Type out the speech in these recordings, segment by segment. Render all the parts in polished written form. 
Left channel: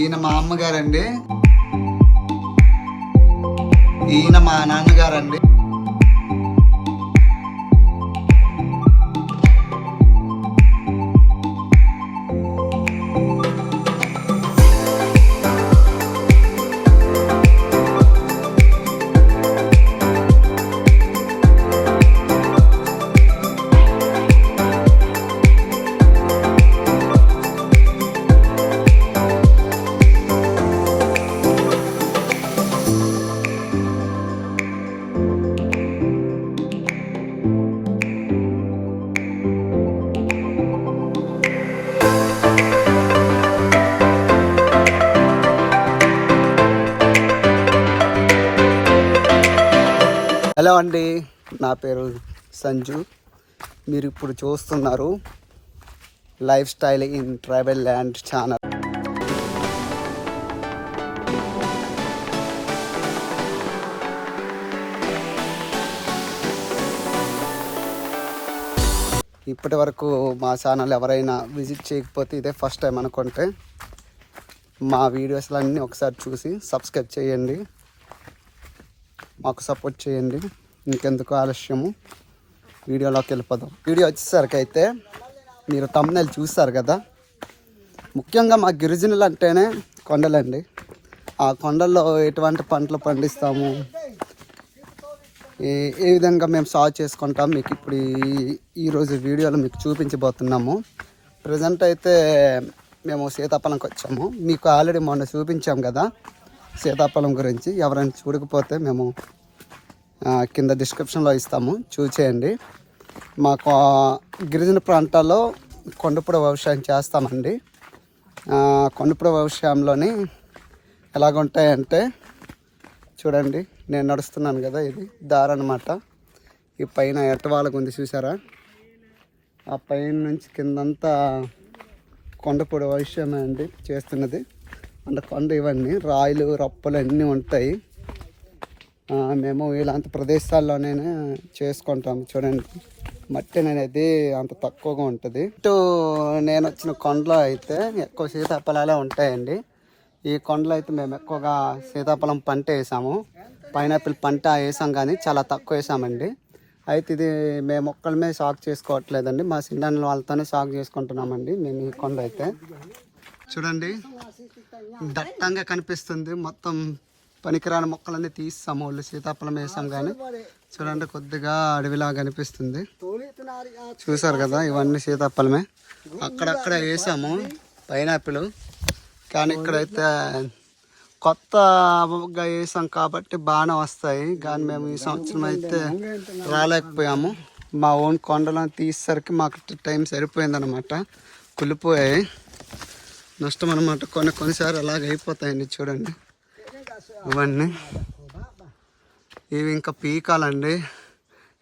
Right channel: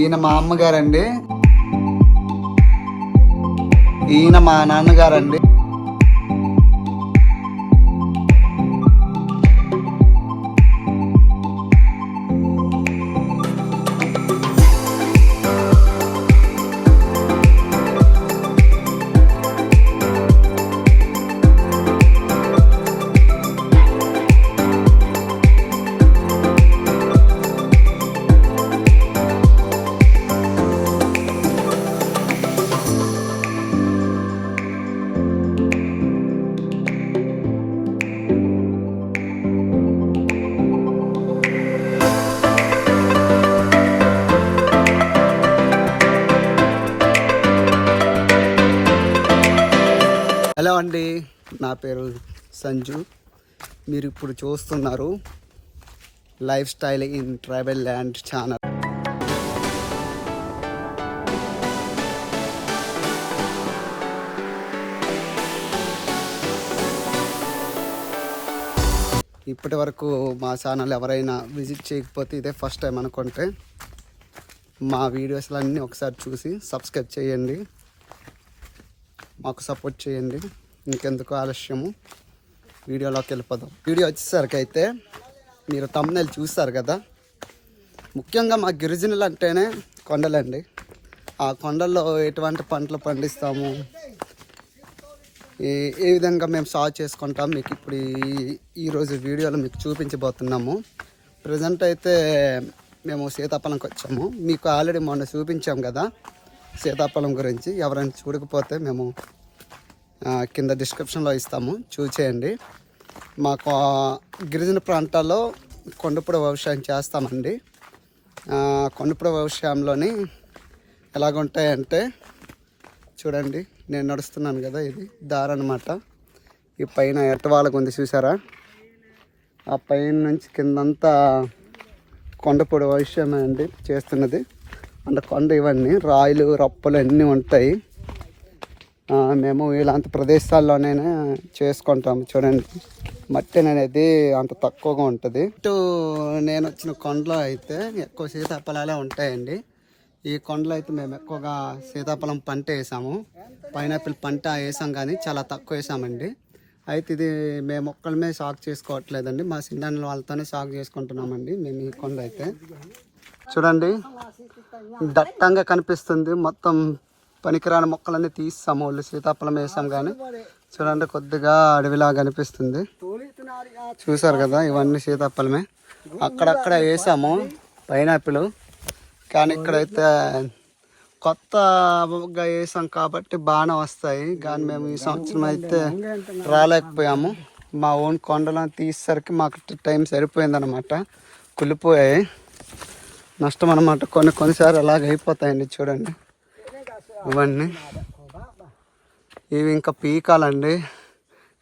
ఈయన మా అమ్మగారండి, ఈయన మా నాన్నగారండి. హలో అండి, నా పేరు సంజు. మీరు ఇప్పుడు చూస్తున్నారు life style in tribal land channel. ఇప్పటి వరకు మా ఛానల్ ఎవరైనా విజిట్ చేయకపోతే ఇదే ఫస్ట్ టైం అనుకుంటే మా వీడియోస్లన్నీ ఒకసారి చూసి సబ్స్క్రైబ్ చేయండి, మాకు సపోర్ట్ చేయండి. ఇంకెందుకు ఆలస్యము, వీడియోలోకి వెళ్ళిపోదాం. వీడియో వచ్చేసరికి అయితే మీరు థంబ్నెయిల్ చూస్తారు కదా, ముఖ్యంగా మా గిరిజనులు అంటేనే కొండలండి. ఆ కొండల్లో ఎటువంటి పంటలు పండిస్తాము, ఏ విధంగా మేము సాగు చేసుకుంటాం మీకు ఇప్పుడు ఈరోజు వీడియోలో మీకు చూపించబోతున్నాము. ప్రజెంట్ అయితే మేము సీతాఫలంకి వచ్చాము. మీకు ఆల్రెడీ మొన్న చూపించాం కదా సీతాఫలం గురించి. ఎవరైనా చూడకపోతే మేము కింద డిస్క్రిప్షన్లో ఇస్తాము, చూసేయండి. మాకు గిరిజన ప్రాంతాల్లో కొండపూడ వ్యవసాయం చేస్తామండి. కొండపూడ వ్యవసాయంలోని ఎలాగుంటాయంటే చూడండి, నేను నడుస్తున్నాను కదా, ఇది దారి అన్నమాట. ఈ పైన ఎట్టవాళ్ళకు ఉంది చూసారా, ఆ పైన నుంచి కిందంతా కొండపూడ వ్యవసాయం అండి చేస్తున్నది. అంటే కొండ ఇవన్నీ రాయిలు రప్పలు అన్నీ ఉంటాయి. మేము ఇలాంటి ప్రదేశాల్లోనైనా చేసుకుంటాం. చూడండి, మట్టి అనేది అంత తక్కువగా ఉంటుంది. ఇటు నేను వచ్చిన కొండలో అయితే ఎక్కువ సీతాఫలాలే ఉంటాయండి. ఈ కొండలో అయితే మేము ఎక్కువగా సీతాఫలం పంట వేసాము, పైనాపిల్ పంట వేసాం, కానీ చాలా తక్కువ వేసామండి. అయితే ఇది మేము ఒక్కళ్ళమే సాగు చేసుకోవట్లేదండి, మా చిన్న వాళ్ళతోనే సాగు చేసుకుంటున్నామండి మేము. ఈ కొండ అయితే చూడండి, దట్టంగా కనిపిస్తుంది. మొత్తం పనికిరాని మొక్కలన్నీ తీస్తాము, వాళ్ళు సీతాఫలం వేసాం కానీ చూడండి కొద్దిగా అడవిలా కనిపిస్తుంది. చూసారు కదా, ఇవన్నీ సీతాఫలమే. అక్కడక్కడ వేసాము పైనాపిల్, కానీ ఇక్కడైతే కొత్తగా వేసాం కాబట్టి బాగానే వస్తాయి. కానీ మేము ఈ సంవత్సరం అయితే రాలేకపోయాము. మా ఓన్ కొండలను తీసేసరికి మాకు టైం సరిపోయిందనమాట, కుళ్ళిపోయాయి. నష్టం అనమాట. కొన్నిసార్లు అలాగ అయిపోతాయండి. చూడండి ఇవన్నీ, ఇవి ఇంకా పీకాలండి,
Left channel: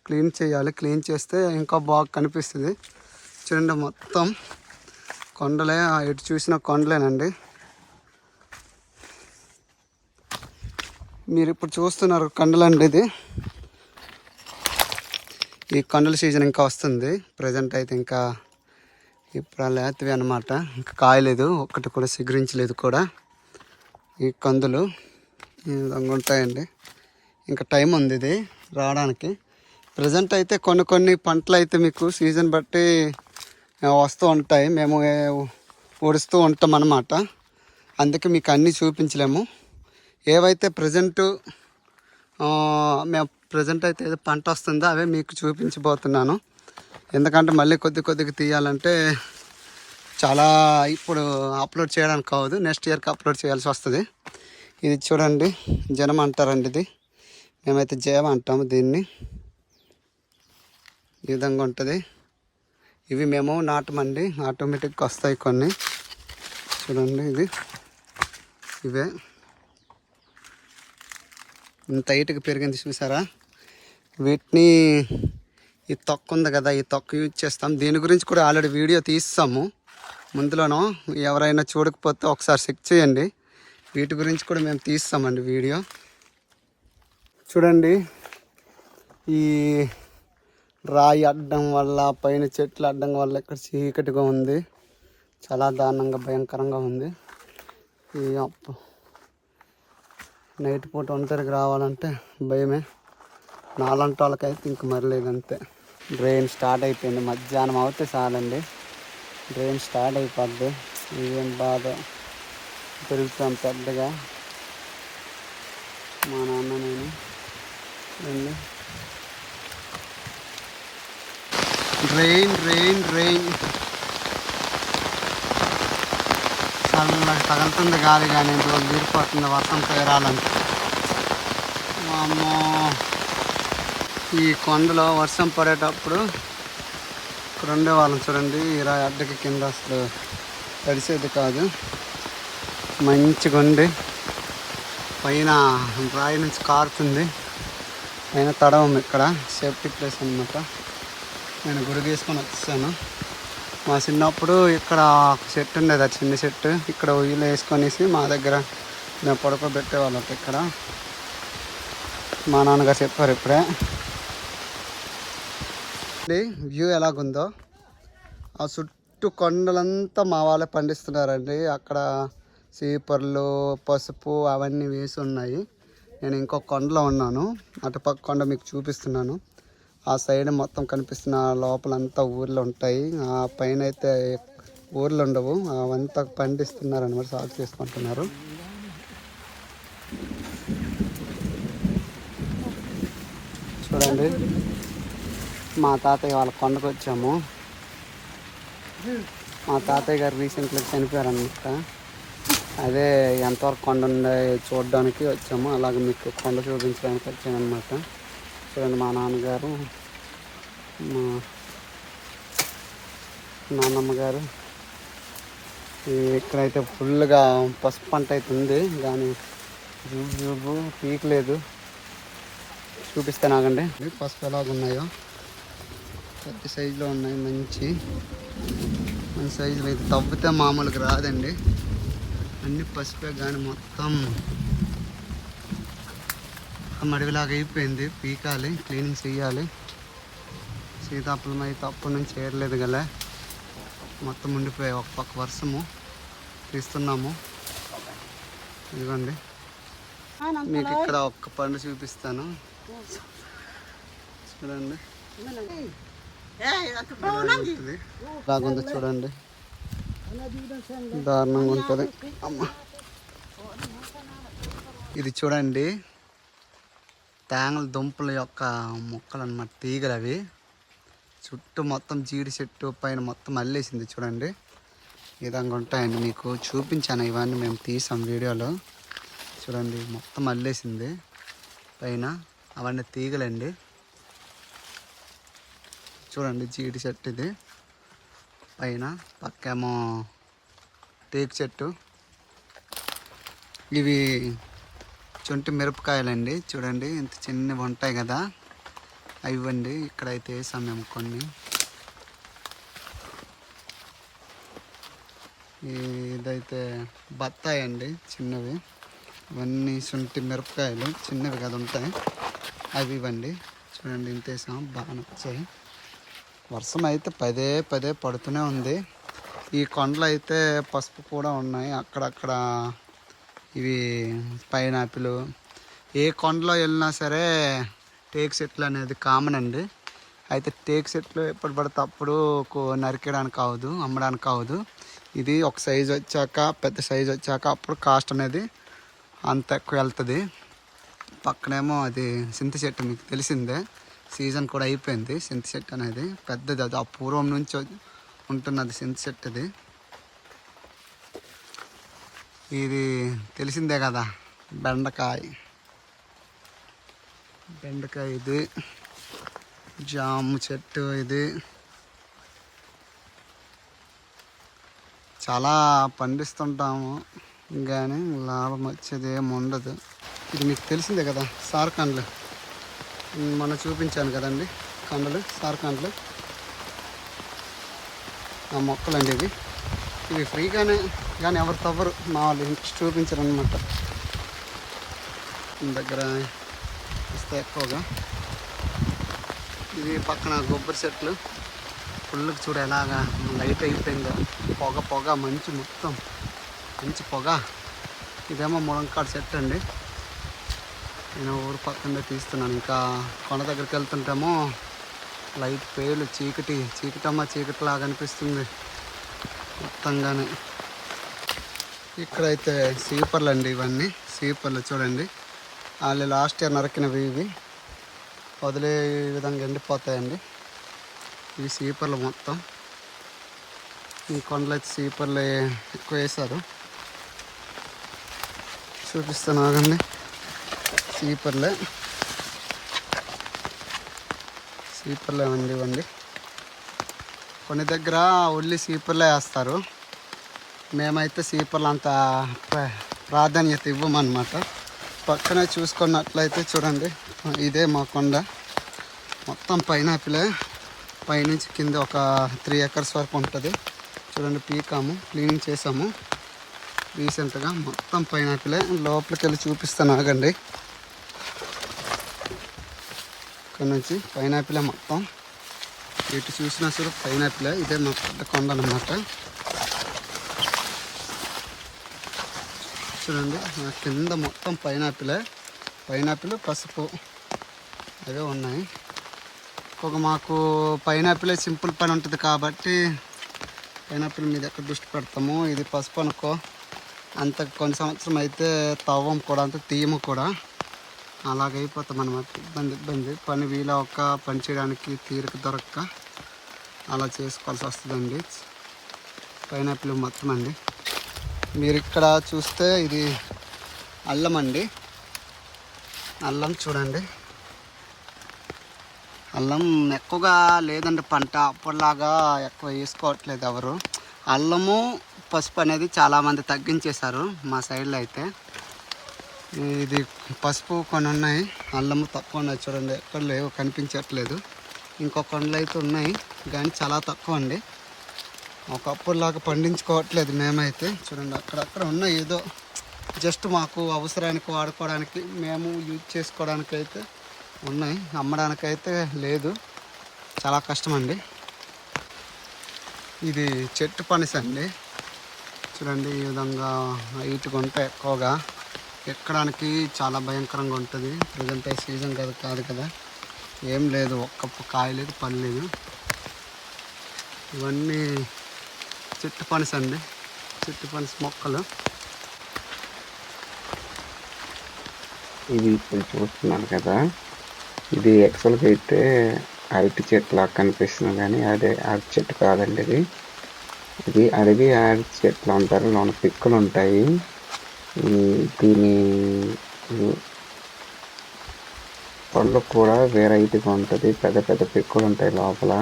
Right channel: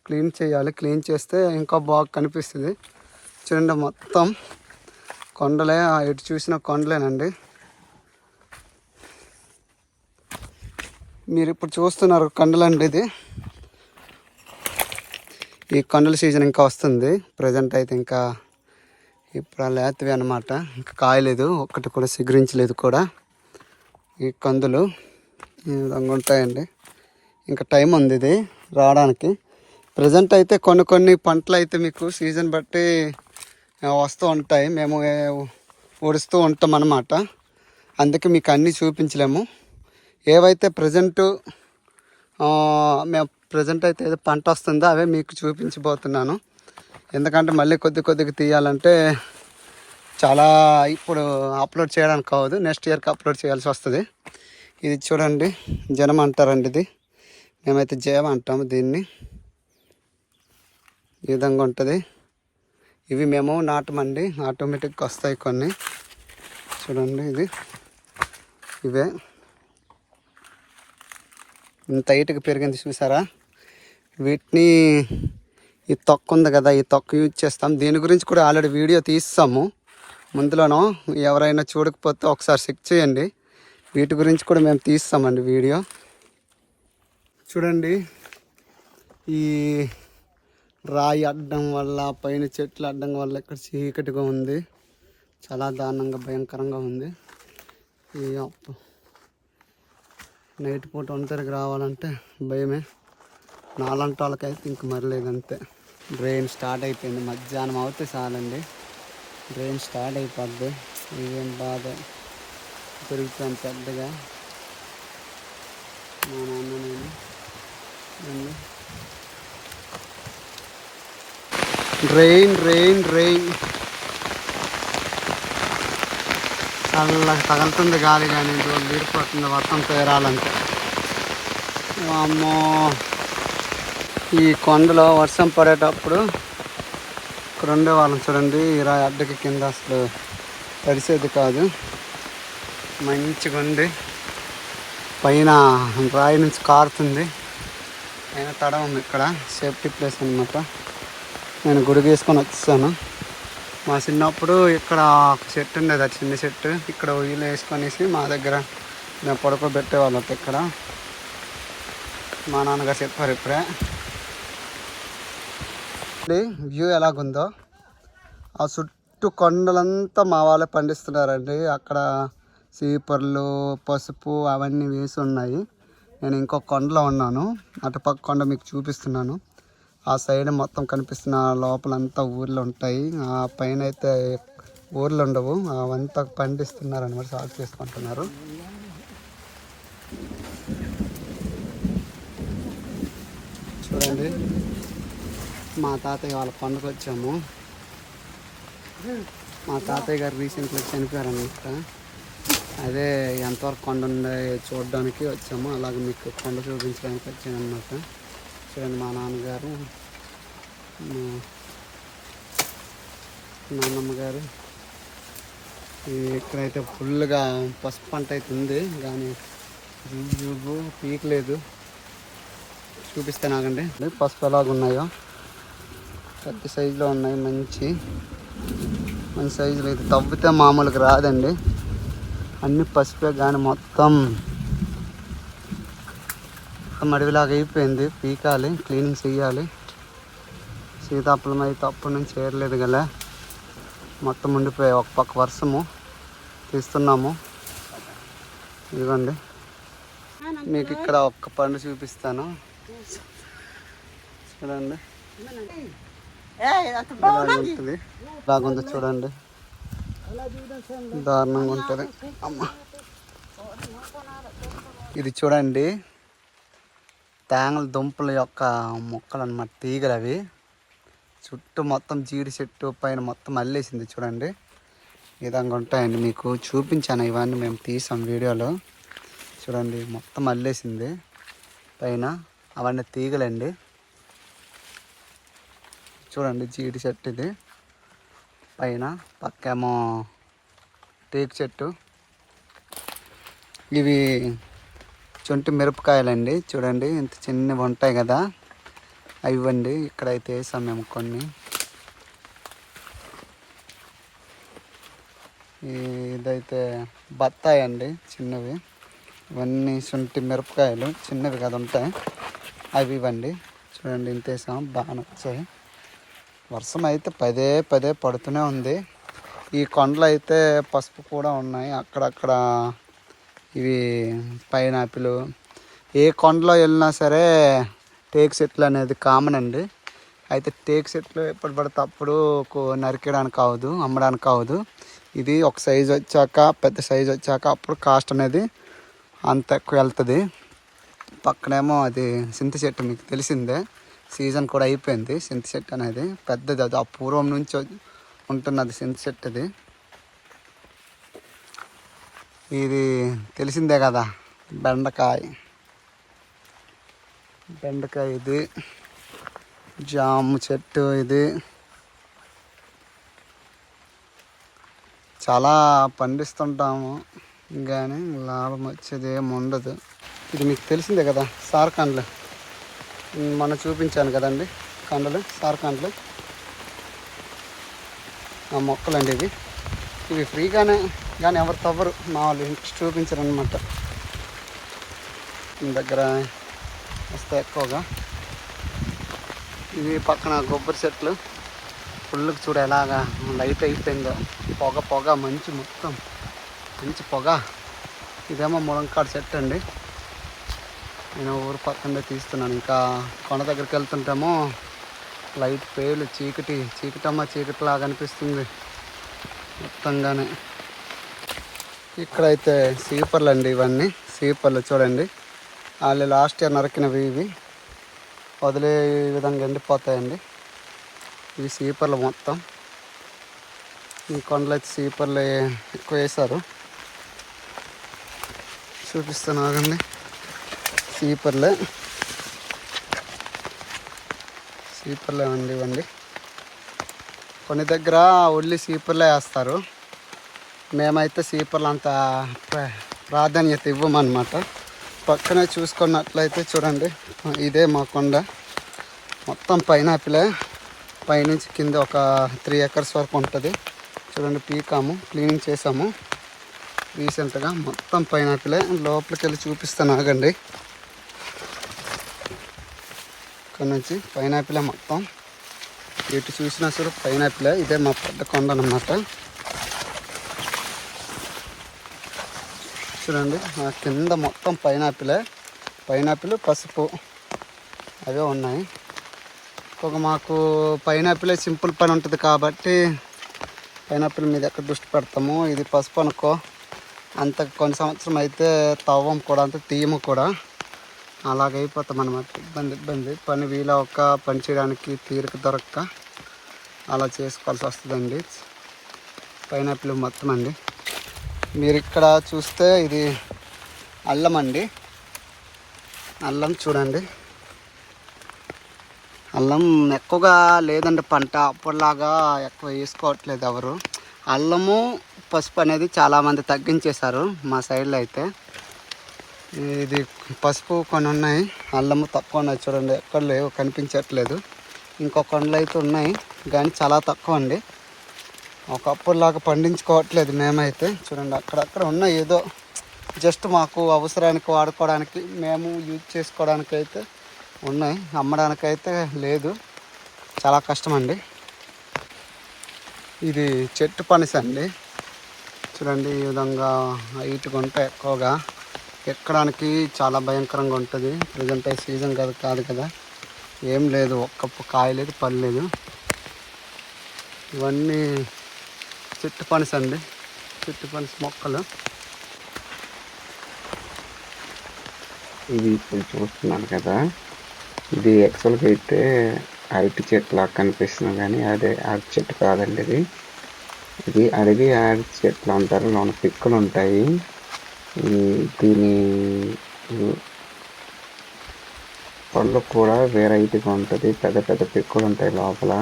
క్లీన్ చేయాలి. క్లీన్ చేస్తే ఇంకా బాగా కనిపిస్తుంది. చూడండి మొత్తం కొండలే, ఎటు చూసిన కొండలేనండి. మీరు ఇప్పుడు చూస్తున్నారు కొండలండి. ఇది ఈ కొండల సీజన్ ఇంకా వస్తుంది. ప్రజెంట్ అయితే ఇంకా ఇప్పుడు లేతవి అనమాట, ఇంకా కాయలేదు, ఒక్కటి కూడా సిగురించలేదు కూడా. ఈ కందులు ఈ విధంగా ఉంటాయండి. ఇంకా టైం ఉంది ఇది రావడానికి. ప్రజెంట్ అయితే కొన్ని పంటలు అయితే మీకు సీజన్ బట్టి వస్తూ ఉంటాయి, మేము ఊడుస్తూ ఉంటాం అన్నమాట. అందుకే మీకు అన్నీ చూపించలేము. ఏవైతే ప్రజెంట్ మేము అయితే ఏదో పంట వస్తుందో అవే మీకు చూపించబోతున్నాను. ఎందుకంటే మళ్ళీ కొద్దిగా తీయాలంటే చాలా ఇప్పుడు అప్లోడ్ చేయడానికి అవ్వదు, నెక్స్ట్ ఇయర్కి అప్లోడ్ చేయాల్సి వస్తుంది. ఇది చూడండి, జనం అంటారండి, ఇది మేమైతే జయం అంటాము దీన్ని. ఈ విధంగా ఉంటుంది. ఇవి మేము నాటమండి, ఆటోమేటిక్గా వస్తాయి కొన్ని. చూడండి ఇవే ఇంత హైట్గా పెరిగింది చూసారా. వీటిని ఈ తొక్క ఉంది కదా, ఈ తొక్క యూజ్ చేస్తాం. దీని గురించి కూడా ఆల్రెడీ వీడియో తీస్తాము ముందులోనూ. ఎవరైనా చూడకపోతే ఒకసారి చెక్ చేయండి, వీటి గురించి కూడా మేము తీస్తామండి వీడియో. చూడండి, ఈ రాయి అడ్డం వల్ల, పైన చెట్లు అడ్డం వల్ల ఇక్కడ చీకటిగా ఉంది, చాలా దారుణంగా భయంకరంగా ఉంది. ఈ అప్పు నైట్ పూట ఒంటరికి రావాలంటే భయమే. నాలంటి వాళ్ళకైతే ఇంక మరలేదంతే. డ్రైన్ స్టార్ట్ అయిపోయింది. మధ్యాహ్నం అవుతే చాలండి డ్రైన్ స్టార్ట్ అయిపోద్ది. ఇదేం బాధ పెరుగుతాం పెద్దగా. మా నాన్న నేను డ్రైన్ డ్రైన్ డ్రైన్ చల్లగా తగులుతుంది గాలి, కానీ రోజు తీరిపోతుంది వర్షం పేరాలంటే. అమ్మో, ఈ కొండలో వర్షం పడేటప్పుడు ఇక్కడ ఉండేవాళ్ళం చూడండి. ఇలా అద్దెకి కింద అసలు తడిసేది కాదు. మంచిగా ఉండి పైన రాయి నుంచి కారుతుంది, పైన తడ ఉంది. ఇక్కడ సేఫ్టీ ప్లేస్ అనమాట. నేను గుడి వేసుకొని వచ్చాను. మా చిన్నప్పుడు ఇక్కడ ఒక చెట్టు ఉండేది, ఆ చిన్న చెట్టు. ఇక్కడ ఉయ్యలు వేసుకొనేసి మా దగ్గర మేము పడుకోబెట్టేవాళ్ళం. ఇక్కడ మా నాన్నగారు చెప్పారు ఇప్పుడే. వ్యూ ఎలాగుందో, ఆ చుట్టూ కొండలంతా మా వాళ్ళే పండిస్తున్నారండి. అక్కడ సీపర్లు, పసుపు అవన్నీ వేసి ఉన్నాయి. నేను ఇంకొక కొండలో ఉన్నాను, అటుపక్క కొండ మీకు చూపిస్తున్నాను. ఆ సైడ్ మొత్తం కనిపిస్తున్న లోపలంతా ఊర్లు ఉంటాయి. ఆ పైన అయితే ఊర్లు ఉండవు, అవంతా పండిస్తున్నారు అనమాట, సాగు చేసుకుంటున్నారు. చూడండి, మా తాతయ్య వాళ్ళ కొండకు వచ్చాము. మా తాతయ్య గారు రీసెంట్గా చనిపోయారు అనమాట. అదే ఎంతవరకు కొండ ఉండే చూడడానికి వచ్చాము. అలాగే మీకు కొండ చూపించడానికి వచ్చాను అనమాట. చూడండి, మా నాన్నగారు, మా నాన్నమ్మ గారు. ఇక్కడైతే ఫుల్గా పసుపు పంట అయితే ఉంది, కానీ జూబు పీకలేదు. చూపిస్తే నాకండి పసుపు ఎలాగున్నాయో. పెద్ద సైజులో ఉన్నాయి, మంచి సైజులో. అయితే తవ్వితే మామూలుగా రాదండి, అన్ని పసుపే. కానీ మొత్తం మడివిలాగా అయిపోయింది. పీకాలి, క్లీనింగ్ చేయాలి. సీతాఫలం అయితే అప్పటి నుంచి చేయలేదు కదా, మొత్తం ఉండిపోయాయి. ఒక పక్క వర్షము తీస్తున్నాము. ఇదిగోండి, మీకు ఇక్కడ ఒక్క పండు చూపిస్తాను. చూడండి, ఉంటుంది. బాగుంది చూడండి, దారుణంగా ఉంటుంది. అమ్మ, ఇది చూడండి, తేంగల దుంపల యొక్క మొక్కలు అన్నమాట, తీగలు అవి. చుట్టూ మొత్తం జీడి చెట్టు పైన మొత్తం అల్లేసింది చూడండి. ఈ విధంగా ఉంటాయండి, మీకు చూపించాను. ఇవన్నీ మేము తీసాం వీడియోలో. చూడండి, మొత్తం అల్లేసింది పైన. అవన్నీ తీగలండి. చూడండి, జీడి చెట్టు ఇది పైన, పక్కేమో టేకు చెట్టు. ఇవి చుంటి మిరపకాయలండి. చూడండి, ఇంత చిన్నవి ఉంటాయి కదా, అవివ్వండి. ఇక్కడైతే వేసాం మేము కొన్ని. ఇదైతే బత్తాయి అండి, చిన్నవి. ఇవన్నీ శుంఠి మిరపకాయలు, చిన్నవి కదా ఉంటాయి, అవి ఇవ్వండి. చూడండి, ఇంత వేసాం, బాగా నచ్చాయి. వర్షం అయితే పదే పదే పడుతూనే ఉంది. ఈ కొండలు అయితే పసుపు కూడా ఉన్నాయి అక్కడక్కడ. ఇవి పైనాపిల్. ఏ కొండలో వెళ్ళినా సరే టేకు చెట్లు అనేది కామన్ అండి. అయితే టేకు చెట్లు ఎప్పుడు పడితే అప్పుడు నరికేయడానికి అవ్వదు, అమ్మడానికి అవ్వదు. ఇది ఒక సైజు వచ్చాక, పెద్ద సైజు వచ్చాక అప్పుడు కాస్ట్ అనేది అంత ఎక్కువ వెళ్తుంది. పక్కనేమో అది చింత చెట్టు, మీకు తెలిసిందే, సీజన్ కూడా అయిపోయింది. చింత చెట్టు అనేది పెద్దది, అది అపూర్వం నుంచి ఉంటున్నది చింత చెట్టు. ఇది తెలిసిందే కదా, బెండకాయ. ఇది జాము చెట్టు. ఇది చాలా పండిస్తుంటాము, కానీ లాభం వచ్చేది ఏమి ఉండదు. ఇది మీకు తెలిసిందే కదా, సారకండ్లు. మొన్న చూపించాను కదండి, కండలు, సారకండ్లు. ఆ మొక్కలండి ఇవి ఫ్రీగానే, కానీ ఎవరు తవ్వరు, మా వాళ్ళు ఇంట్రెస్ట్ చూపించరు అనమాట. దగ్గర వస్తే ఎక్కువగా. ఇది పక్కన కొబ్బరి చెట్లు. ఫుల్కి చూడ ఎలాగా లైట్ అయిపోయిందో, పొగ మంచు, మొత్తం మంచి పొగ. ఇదేమో ములంకాడ చెట్టు అండి. నేను ఊరు పక్కనే తీస్తున్నాను. ఇంకా కొండ దగ్గరికి వెళ్తుంటేమో లైట్ పేలు చీకటి లాగా అనిపిస్తుంది మొత్తంగానే. ఇక్కడైతే సీపర్లు అండి, ఇవన్నీ సీపర్లు చూడండి. వాళ్ళు లాస్ట్ ఇయర్ నరికినవి ఇవి వదిలే విధంగా ఎండిపోతాయండి. ఇవి సీపర్లు మొత్తం. ఈ కొండలు అయితే సీపర్లు ఎక్కువ వేశారు. చూపిస్తాను ఆగండి. సీపర్లే అండి ఇవ్వండి. కొన్ని దగ్గర ఒళ్ళి సీపర్లే వేస్తారు. మేమైతే సీపర్లు అంత ప్రాధాన్యత ఇవ్వమన్నమాట. పక్కనే చూసుకున్నట్లయితే చూడండి, ఇదే మా కొండ. మొత్తం పైనాపిలే. పైనుంచి కింద ఒక 3 acres వరకు ఉంటుంది. చూడండి, పీకాము, క్లీనింగ్ చేసాము రీసెంట్గా. మొత్తం పైనాపిలే. లోపలికి వెళ్ళి చూపిస్తాను ఆగండి. ఇక్కడ నుంచి పైనాపిలే మొత్తం. ఎటు చూసినా సరే పైనాపిలే. ఇదే మా పెద్ద కొండ అన్నమాట. చూడండి, కింద మొత్తం పైనాపిల్ పసుపు అవే ఉన్నాయి. మాకు పైనాపిలే సింపుల్ పని ఉంటుంది కాబట్టి పైనాపిల్ మీద ఎక్కడ దృష్టి పెడతాము. ఇది పసుపు అనుకో, అంత కొన్ని సంవత్సరం అయితే తవ్వం కూడా, అంత తీయము కూడా. అలాగైపోతాం అన్నమాట. ఇబ్బంది. పని వీలవక, పని చేయడానికి తీరిక దొరక్క అలా చేసుకోవాల్సి వస్తుందండి. పైనాపిల్ మొత్తం అండి. మీరు ఇక్కడ చూస్తే ఇది అల్లం అండి. అల్లం చూడండి. అల్లం ఎక్కువగా లేదండి పంట. అప్పటిలాగా ఎక్కువ వేసుకోవట్లేదు ఎవరు. అల్లము పసుపు అనేది చాలామంది తగ్గించేశారు మా సైడ్లో అయితే. ఇది పసుపు కొన్ని ఉన్నాయి, అల్లము తక్కువ ఉన్నాయి. చూడండి, ఎక్కడ లేవు, కనిపించట్లేదు. ఇంకొక కొండలు అయితే ఉన్నాయి కానీ చాలా తక్కువ అండి. ఒకప్పుడులాగా పండించుకోవట్లేదు మేమైతే. చూడండి, అక్కడక్కడ ఉన్నాయి. ఏదో జస్ట్ మాకు అవసరానికి వాడుకోవడానికి, మేము యూజ్ చేసుకోవడానికి అయితే ఉన్నాయి. అమ్మడానికైతే లేదు. చాలా కష్టం అండి. ఇది చెట్టు పనస అండి. చూడండి, ఈ విధంగా హైట్గా ఉంటాయి. ఎక్కువగా ఎక్కడానికి చాలా భయంకరంగా ఉంటుంది. ప్రజెంట్ సీజన్ కాదు కదా, ఏం లేదు, ఒక్క కాయ లేదు, పని లేదు. ఇవన్నీ చెట్టు పనస అండి. చెట్టు పనస మొక్కలు. ఇది ఇప్పుడు చూస్తున్నాను కదా, ఇది యాక్చువల్గా అయితే అరటి చెట్టు లాగా కనిపిస్తుంది కానీ అదే అరటి చెట్టు కాదండి. ఇది అడవి అరటి చెట్లు అంటారు. లోన పిక్కలు ఉంటాయి. దీని పళ్ళు కూడా వెరైటీగా ఉంటుంది. పెద్ద పెద్ద పిక్కలు ఉంటాయి లోపల.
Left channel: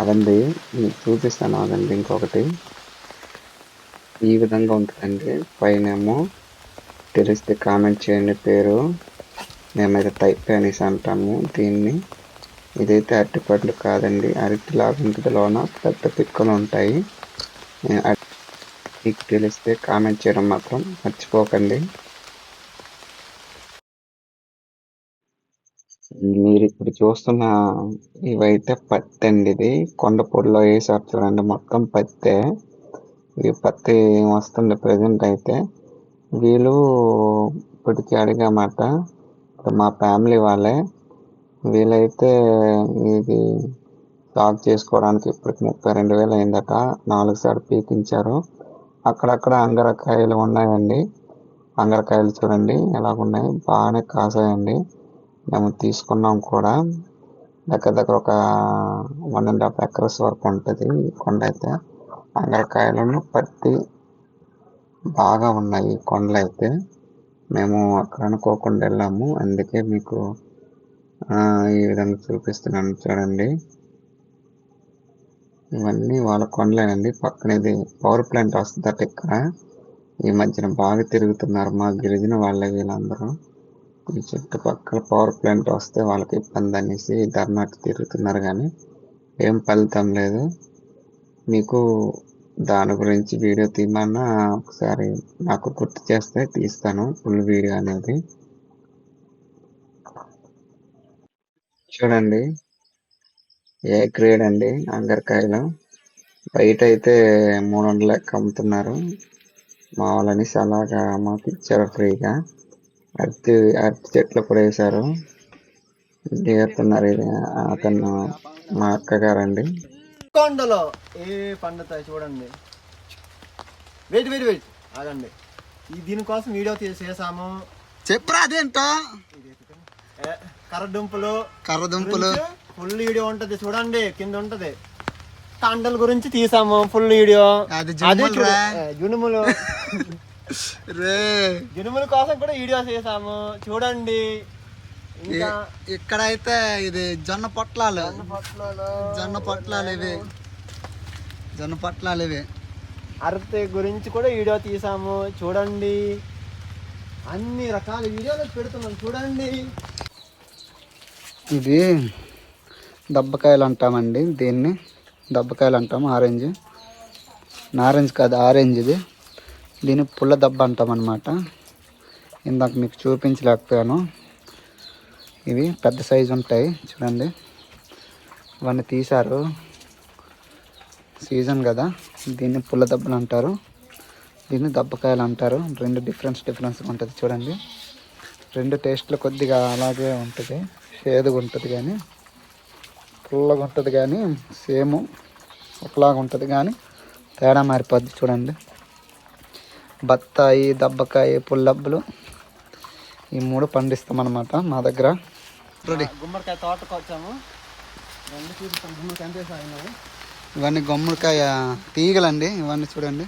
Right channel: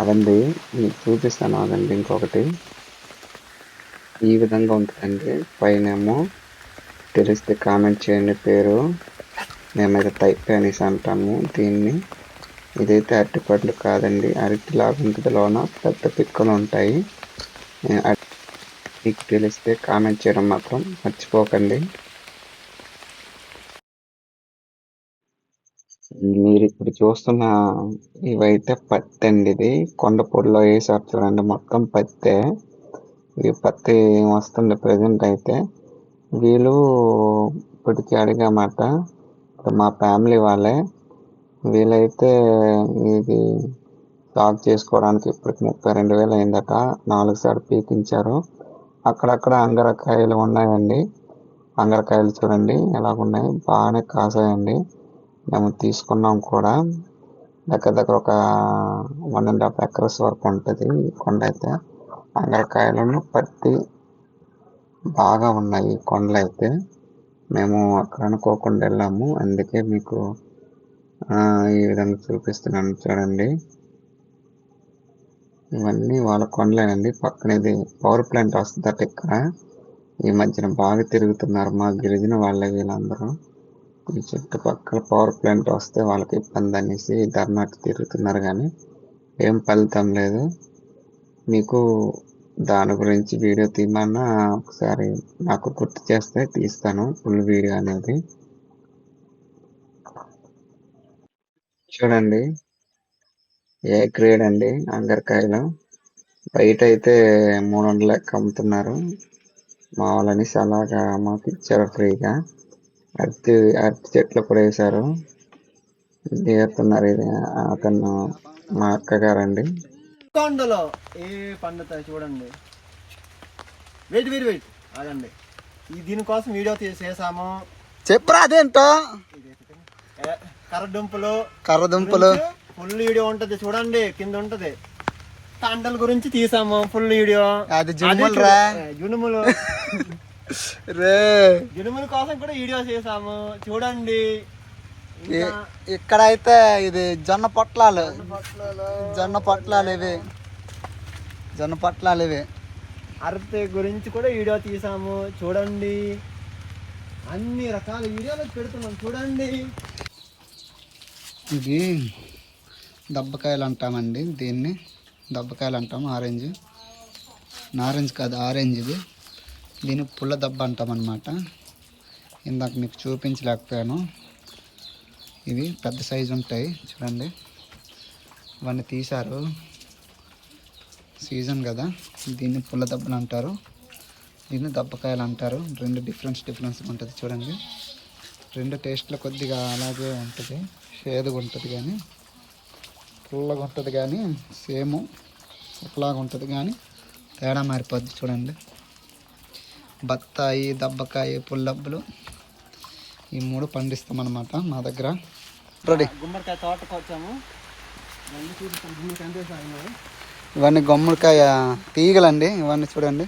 అదండి మీకు చూపిస్తాను అదండి. ఇంకొకటి ఈ విధంగా ఉంటుందండి. పైనేమో తెలిస్తే కామెంట్ చేయండి పేరు. మేమైతే తైప అనేసి అంటాము దీన్ని. ఇదైతే అరటి పండు కాదండి, అరటి లాగా ఉంటుంది. లోన పెద్ద పిక్కలు ఉంటాయి. మీకు తెలిస్తే కామెంట్ చేయడం మాత్రం మర్చిపోకండి. మీరు ఇప్పుడు చూస్తున్న ఇవైతే పత్తి అండి. ఇది కొండపూడిలో వేసారు చూడండి, మొత్తం పత్తే. ఈ పత్తి వస్తుంది ప్రజెంట్ అయితే. వీళ్ళు ఇప్పటికీ అడిగామాట, మా ఫ్యామిలీ వాళ్ళే. వీళ్ళైతే ఇది సాగు చేసుకోవడానికి ఇప్పటికి 32,000 అయిందట. 4 సార్లు పీకించారు. అక్కడక్కడ అంగరకాయలు ఉన్నాయండి. అంగరకాయలు చూడండి ఎలాగున్నాయి, బాగానే కాసాయండి. మేము తీసుకున్నాం కూడా. దగ్గర ఒక 1.5 acres వరకు ఉంటుంది కొండ అయితే. అంగరకాయలను పత్తి బాగా ఉన్నాయి కొండలు అయితే. మేము అక్కడ అనుకోకుండా వెళ్ళాము, అందుకే మీకు ఈ విధంగా చూపిస్తున్నాను చూడండి. ఇవన్నీ వాళ్ళ కొండలేనండి. పక్కన ఇది పవర్ ప్లాంట్ వస్తుందట ఇక్కడ. ఈ మధ్యన బాగా తిరుగుతున్నారు మా గిరిజన వాళ్ళ వీళ్ళందరూ. ఈ చుట్టుపక్కల పవర్ ప్లాంట్ వస్తే వాళ్ళకి ఇబ్బంది అనేసి ధర్నాకి తిరుగుతున్నారు కానీ ఏం ఫలితం లేదు. మీకు దాని గురించి వీడియో తీయమన్నా ఒకసారి నాకు గుర్తు చేస్తే తీస్తాను ఫుల్ వీడియో అనేది. చూడండి, ఏ గ్రేడ్ అండి అంగరకాయలు. బయట అయితే 300 లెక్క అమ్ముతున్నారు. మా వాళ్ళని అలాగా మాకు ఇచ్చారు ఫ్రీగా. అరటి అరటి చెట్లు కూడా వేశారు. దిగుతున్నారు. ఇది అతను మా అక్కగారండి. కొండలో ఏ పండుతాయి చూడండి. వెయిట్ అదండి. దీనికోసం వీడియో చేసాము. చెప్పరా అదేంటో. కర్రదుంపలు ఫుల్ వీడియో ఉంటది చూడండి, కింద ఉంటది. కాండల గురించి తీసాము ఫుల్ వీడియో. అది జునుములు రే జునుముల కోసం కూడా వీడియో చేసాము చూడండి. ఇక్కడైతే ఇది జొన్న పొట్లాలు ఇవి. అరటి గురించి కూడా వీడియో తీసాము చూడండి. అన్ని రకాల వీడియోలు పెడుతున్నాం చూడండి. ఇది దబ్బకాయలు అంటామండి, దీన్ని దబ్బకాయలు అంటాము. నారెంజ్ కాదు, ఆరెంజ్. ఇది దీన్ని పుల్ల దబ్బ అంటాం అన్నమాట. ఇందాక మీకు చూపించలేకపోయాను. ఇవి పెద్ద సైజు ఉంటాయి చూడండి. ఇవన్నీ తీశారు, సీజన్ కదా. దీన్ని పుల్ల దబ్బలు అంటారు, దీన్ని దబ్బకాయలు అంటారు. రెండు డిఫరెన్స్ ఉంటుంది చూడండి. రెండు టేస్ట్లు కొద్దిగా అలాగే ఉంటుంది, చేదుగా ఉంటుంది కానీ పుల్లగా ఉంటుంది, కానీ సేమ్ ఒకలాగా ఉంటుంది, కానీ తేడా మారిపోద్ది చూడండి. బత్తాయి, దబ్బకాయ, పుల్లబ్బలు ఈ మూడు పండిస్తాం అన్నమాట మా దగ్గర. గుమ్మడికాయ తోటకు వచ్చాము. ఇవన్నీ గుమ్మడికాయ తీగలండి. ఇవన్నీ చూడండి.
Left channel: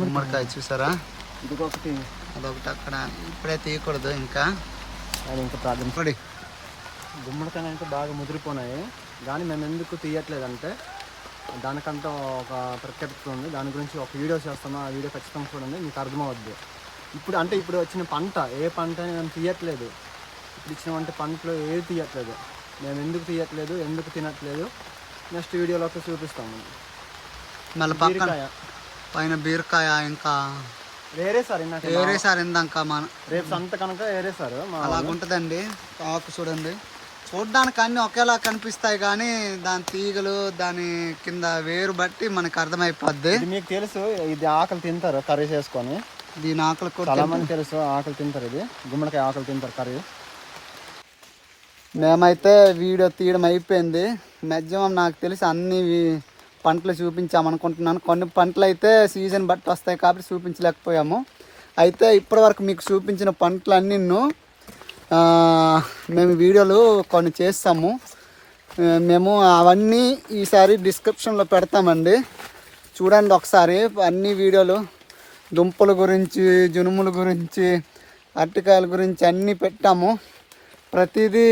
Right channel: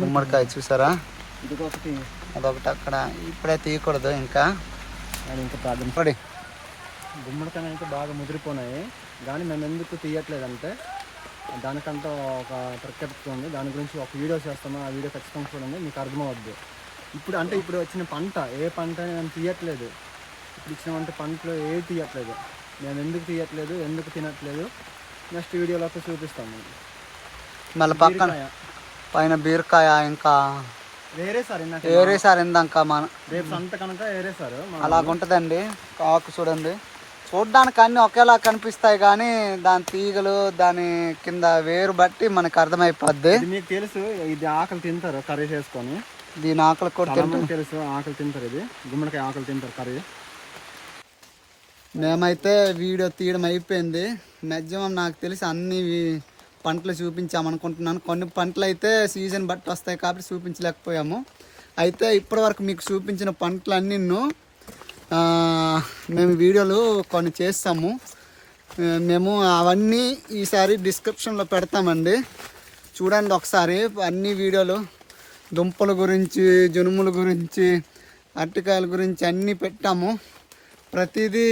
గుమ్మడికాయ చూసారా, అదొకటి అక్కడ. ఇప్పుడే తీయకూడదు, ఇంకా ప్రాబ్లం. గుమ్మడికాయ అంటే బాగా ముదిరిపోయినాయి, కానీ మేము ఎందుకు తీయట్లేదంటే దానికంటే ఒక ప్రత్యేకత ఉంది. దాని గురించి ఒక వీడియో చేస్తాము. ఆ వీడియో ఖచ్చితంగా చూడండి, మీకు అర్థమవుద్ది. ఇప్పుడు వచ్చిన పంట ఏ పంట మేము తీయట్లేదు. ఇప్పుడు ఇచ్చిన పంటలో ఏ తీయట్లేదు. మేము ఎందుకు తీయట్లేదు, ఎందుకు తినట్లేదు, నెక్స్ట్ వీడియోలో చూపిస్తాము. మళ్ళీ పక్కన పైన బీరకాయ, ఇంకా వేరే సార్ ఇందాక మన రేపు సంత కనుక వేరే సార్ అలాగుంటుందండి. ఆకు చూడండి, చూడ్డానికి అన్నీ ఒకేలా కనిపిస్తాయి, కానీ దాని తీగలు, దాని కింద వేరు బట్టి మనకు అర్థమైపోద్ది. మీకు తెలుసు, ఇది ఆకులు తింటారు కర్రీ చేసుకొని. దీని ఆకులు కూడా తెలుసు, ఆకులు తింటారు. ఇది గుమ్మడికాయ ఆకులు తింటారు కర్రీ. మేమైతే వీడియో తీయడం అయిపోయింది. మ్యాక్సిమం నాకు తెలిసి అన్ని పంటలు చూపించామనుకుంటున్నాను. కొన్ని పంటలు అయితే సీజన్ బట్టి వస్తాయి కాబట్టి చూపించలేకపోయాము. అయితే ఇప్పటివరకు మీకు చూపించిన పంటలన్నీ మేము వీడియోలు కొన్ని చేస్తాము. మేము అవన్నీ ఈసారి డిస్క్రిప్షన్లో పెడతామండి, చూడండి ఒకసారి. అన్ని వీడియోలు దుంపల గురించి, జునుముల గురించి, అరటికాయల గురించి అన్నీ పెట్టాము. ప్రతిదీ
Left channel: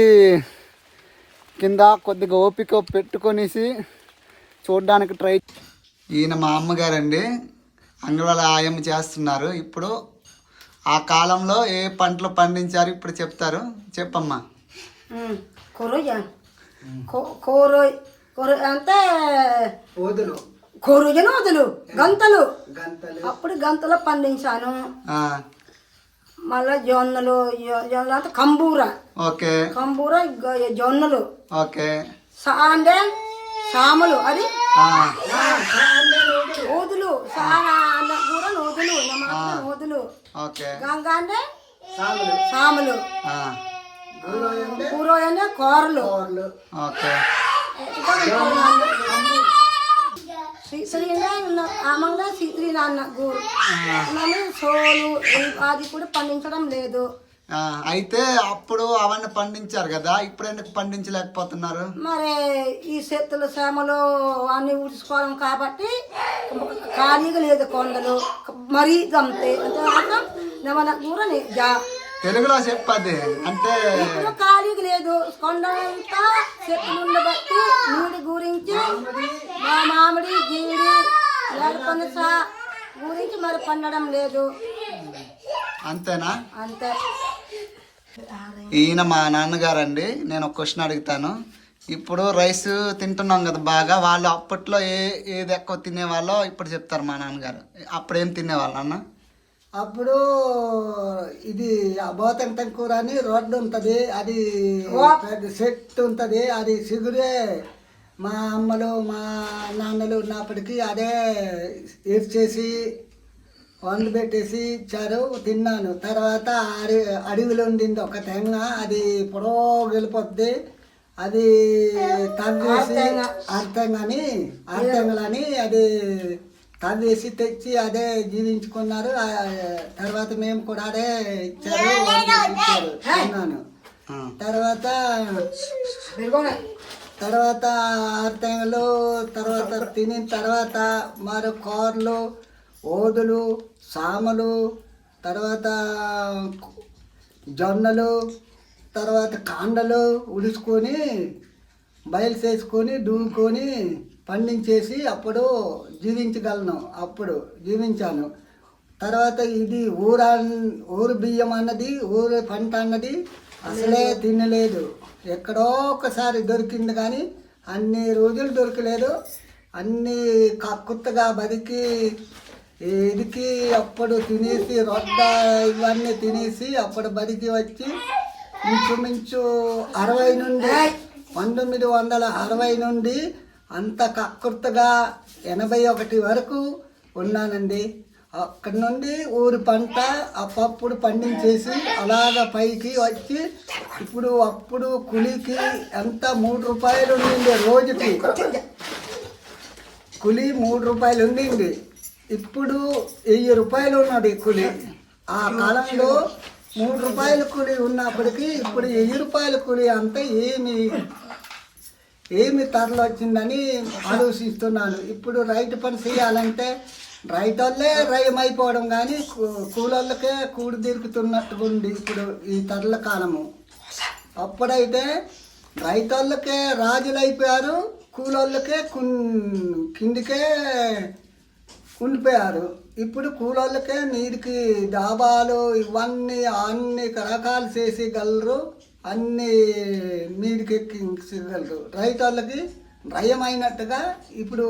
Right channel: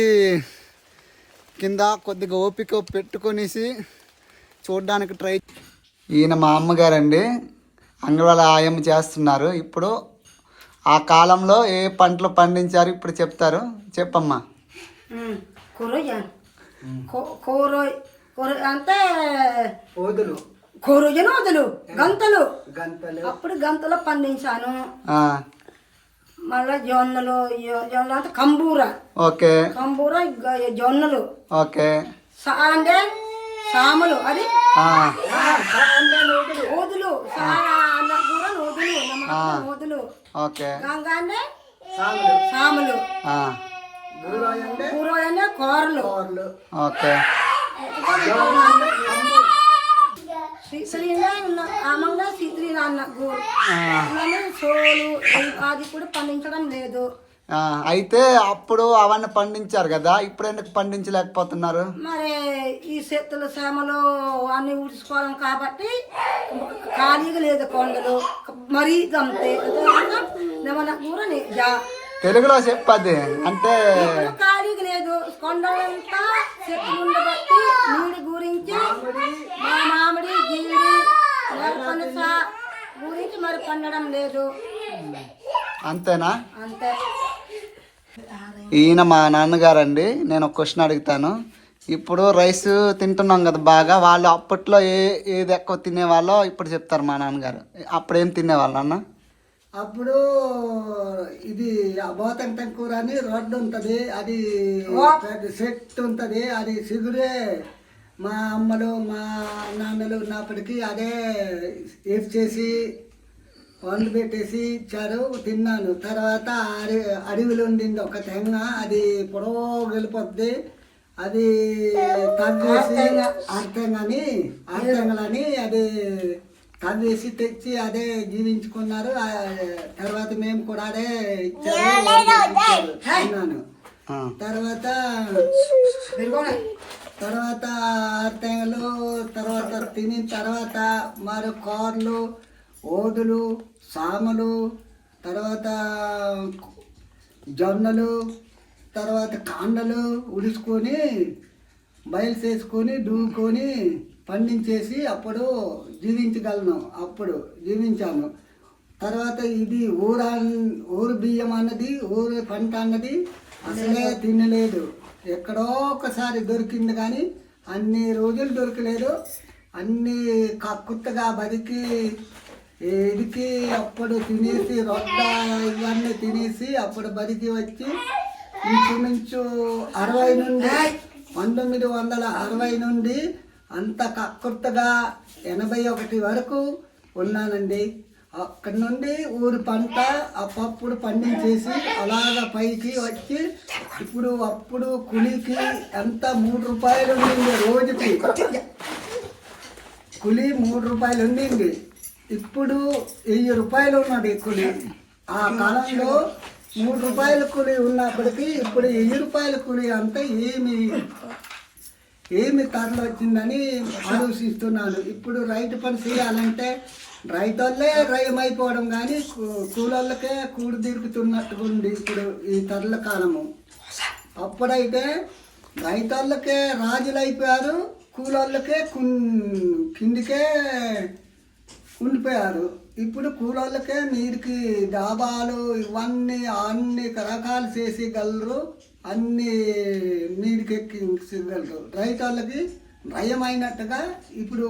కింద కొద్దిగా ఓపిక పెట్టుకొనేసి చూడడానికి ట్రై. ఈయన మా అమ్మగారండి, అంగళాల ఆయమ్మ చేస్తున్నారు. ఇప్పుడు ఆ కాలంలో ఏ పంటలు పండించారు ఇప్పుడు చెప్తారు. చెప్పమ్మా. అంటే కూరజన వదులు గంతలు, అప్పుడు గంతలు పండించాను. మళ్ళా జొన్నలు అంటే కంబూర, ఓకే, కంబూర జొన్నలు, ఓకే, అంటే సామలు, అది ఓదులు, ఓదులు, ఓకే, గంగ అంటే సాములు, కూర అంటే కూరలు, ఓకే. సోలు అది కూడా పండించడం లేదు. అయితే అప్పుడు అవన్నీ పండించారు కదా, ఇప్పుడు ఎందుకు పండించలేకపోతున్నారు? మరి ఈ చేతులు శ్రమలు అన్ని ఊడ్చుకోవడం కాబట్టి ఖాళీగా లేదు. కొండలు మరీ అంతే. తెలుగులో చెప్పది అంటే ఖాళీగా లేదు. కొండంతా చెట్లు ఉండబట్టి నీళ్ళు గురించి మా మామిడి, జీడి, పనస గురించి మరి పండడం లేదు. అంతేనా? అంతే. ఈయన మా నాన్నగారండి. నేను ఒక క్వశ్చన్ అడుగుతాను. ఇప్పుడు రైస్ తింటున్నాం కదా బాగా, వాళ్ళు అప్పట్లో ఏది ఎక్కువ తినేవాళ్ళో ఇప్పుడు చెప్తారు మా నాన్నగారు. అప్పుడు ఏం తినేవాళ్ళు అన్న? అప్పుడు ఇది అబోతంటం కూర అని రోడ్డు ఉంటుంది, అది చెట్టు ఉంటుంది, అది సిగురే మా అమ్మలు మా నాన్నలు ఉన్నప్పటికీ అదే చేసి పండ్లు పెట్టేసి ఇచ్చారు, తిన్నాను. తర్వాత అడవిలో ఉండింది ఒక తెంగ, అది పొడవు వెళ్ళిపోద్ది, అది తవ్వేసి అర్థంగలని అది తవ్వేసి తెచ్చి అదే జీవించుకున్నారు. తర్వాత మేము కూడా అదే ఇచ్చారు తిన్నాను. తర్వాత అర్థంగలు తర్వాత తినిన తర్వాత మరో కూరలు, ఓదులు, సామలు, తర్వాత జొన్నలు, తర్వాత కాండలు ఉడుచుకొని బయలు చేసుకొని దువ్వుకొని పండించేసి అప్పుడు జీవించగలను. అప్పుడు జీవించాను. తర్వాత ఇది ఊరు బియ్యం అన్నది, ఊరు పంట అన్నది అసలే తినలేదు. ఎక్కడో ఒకసారి దొరికింది కానీ అన్ని రోజులు దొరకలేదు. అన్నీ కక్కుత్తగా బతికి ఇదికి అప్పుడు తినేసి రొడ్డ ఇవన్నీ తినేసి అప్పుడు బతికి వచ్చి ఇంచుమించు 1960 నుండి అంత కక్కుర్తగా 81 వరకు ఉన్నానండి. అక్కడి నుండి ఊరి పంట అప్పుడు పండించేసి అలాగ పైకి వచ్చి అప్పుడు కూలీకి ఎంత 3 రూపాయలు ఉండింది రోజుకి. కూలీ 3 రూపాయలు ఉండింది. ఇప్పుడు 1000 రూపాయలు ఉన్నది కూలీ. ఆ కాలంలో 3 రూపాయల కూలీ ఉన్నప్పటికీ ఇప్పుడు 1000 రూపాయల కూలీ అంతా ఏమి తరలి వచ్చిందని ఆలోచిస్తున్నాను. ఇప్పుడు రైతు పని చేయాలంటే రైతులే రయమైపోవడం కానీ కూలోళ్ళకే కూడి దొరుకుతున్నట్టుగా ఉంది ఇప్పుడు ఈ తరల కాలము. అప్పుడైతే రైతులకే రాజులు అయిపోయారు, కూలోళ్ళకే కిందికే ఉండిపోయారు. ఇప్పుడు కూలోళ్ళకే నీటికి డాబాలు ఇవన్నీ అన్ని రకాలు చేసేయగలరు, అన్ని నీటికి ఎక్కించగలరు. రైతులకి భయమైనట్టుగా ఇప్పుడు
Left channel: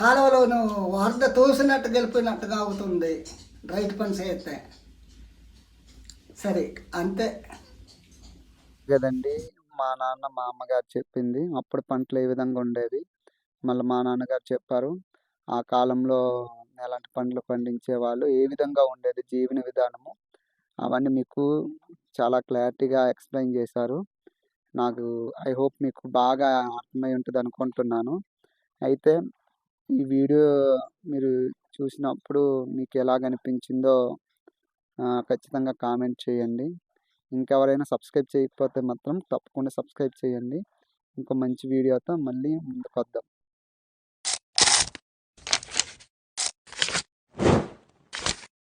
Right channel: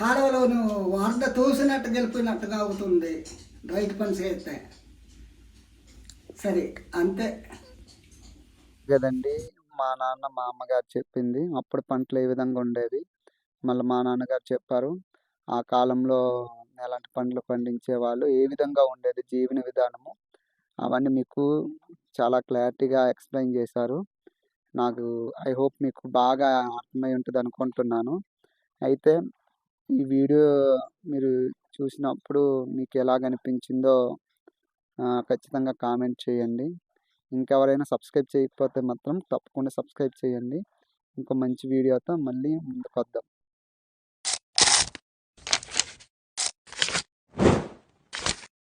కాలువలోను వరద తోసినట్టు గెలిపినట్టుగా అవుతుంది రైతు పని చేస్తే. సరే అంతే కదండి. మా నాన్న మా అమ్మగారు చెప్పింది అప్పుడు పంటలు ఏ విధంగా ఉండేవి, మళ్ళీ మా నాన్నగారు చెప్పారు ఆ కాలంలో ఎలాంటి పంటలు పండించేవాళ్ళు, ఏ విధంగా ఉండేది జీవన విధానము, అవన్నీ మీకు చాలా క్లారిటీగా ఎక్స్ప్లెయిన్ చేశారు. నాకు ఐ హోప్ మీకు బాగా అర్థమై ఉంటుంది అనుకుంటున్నాను. అయితే ఈ వీడియో మీరు చూసినప్పుడు మీకు ఎలాగనిపించిందో ఖచ్చితంగా కామెంట్ చేయండి. ఇంకెవరైనా సబ్స్క్రైబ్ చేయకపోతే మాత్రం తప్పకుండా సబ్స్క్రైబ్ చేయండి. ఇంకో మంచి వీడియోతో మళ్ళీ ముందుకు వద్దాం.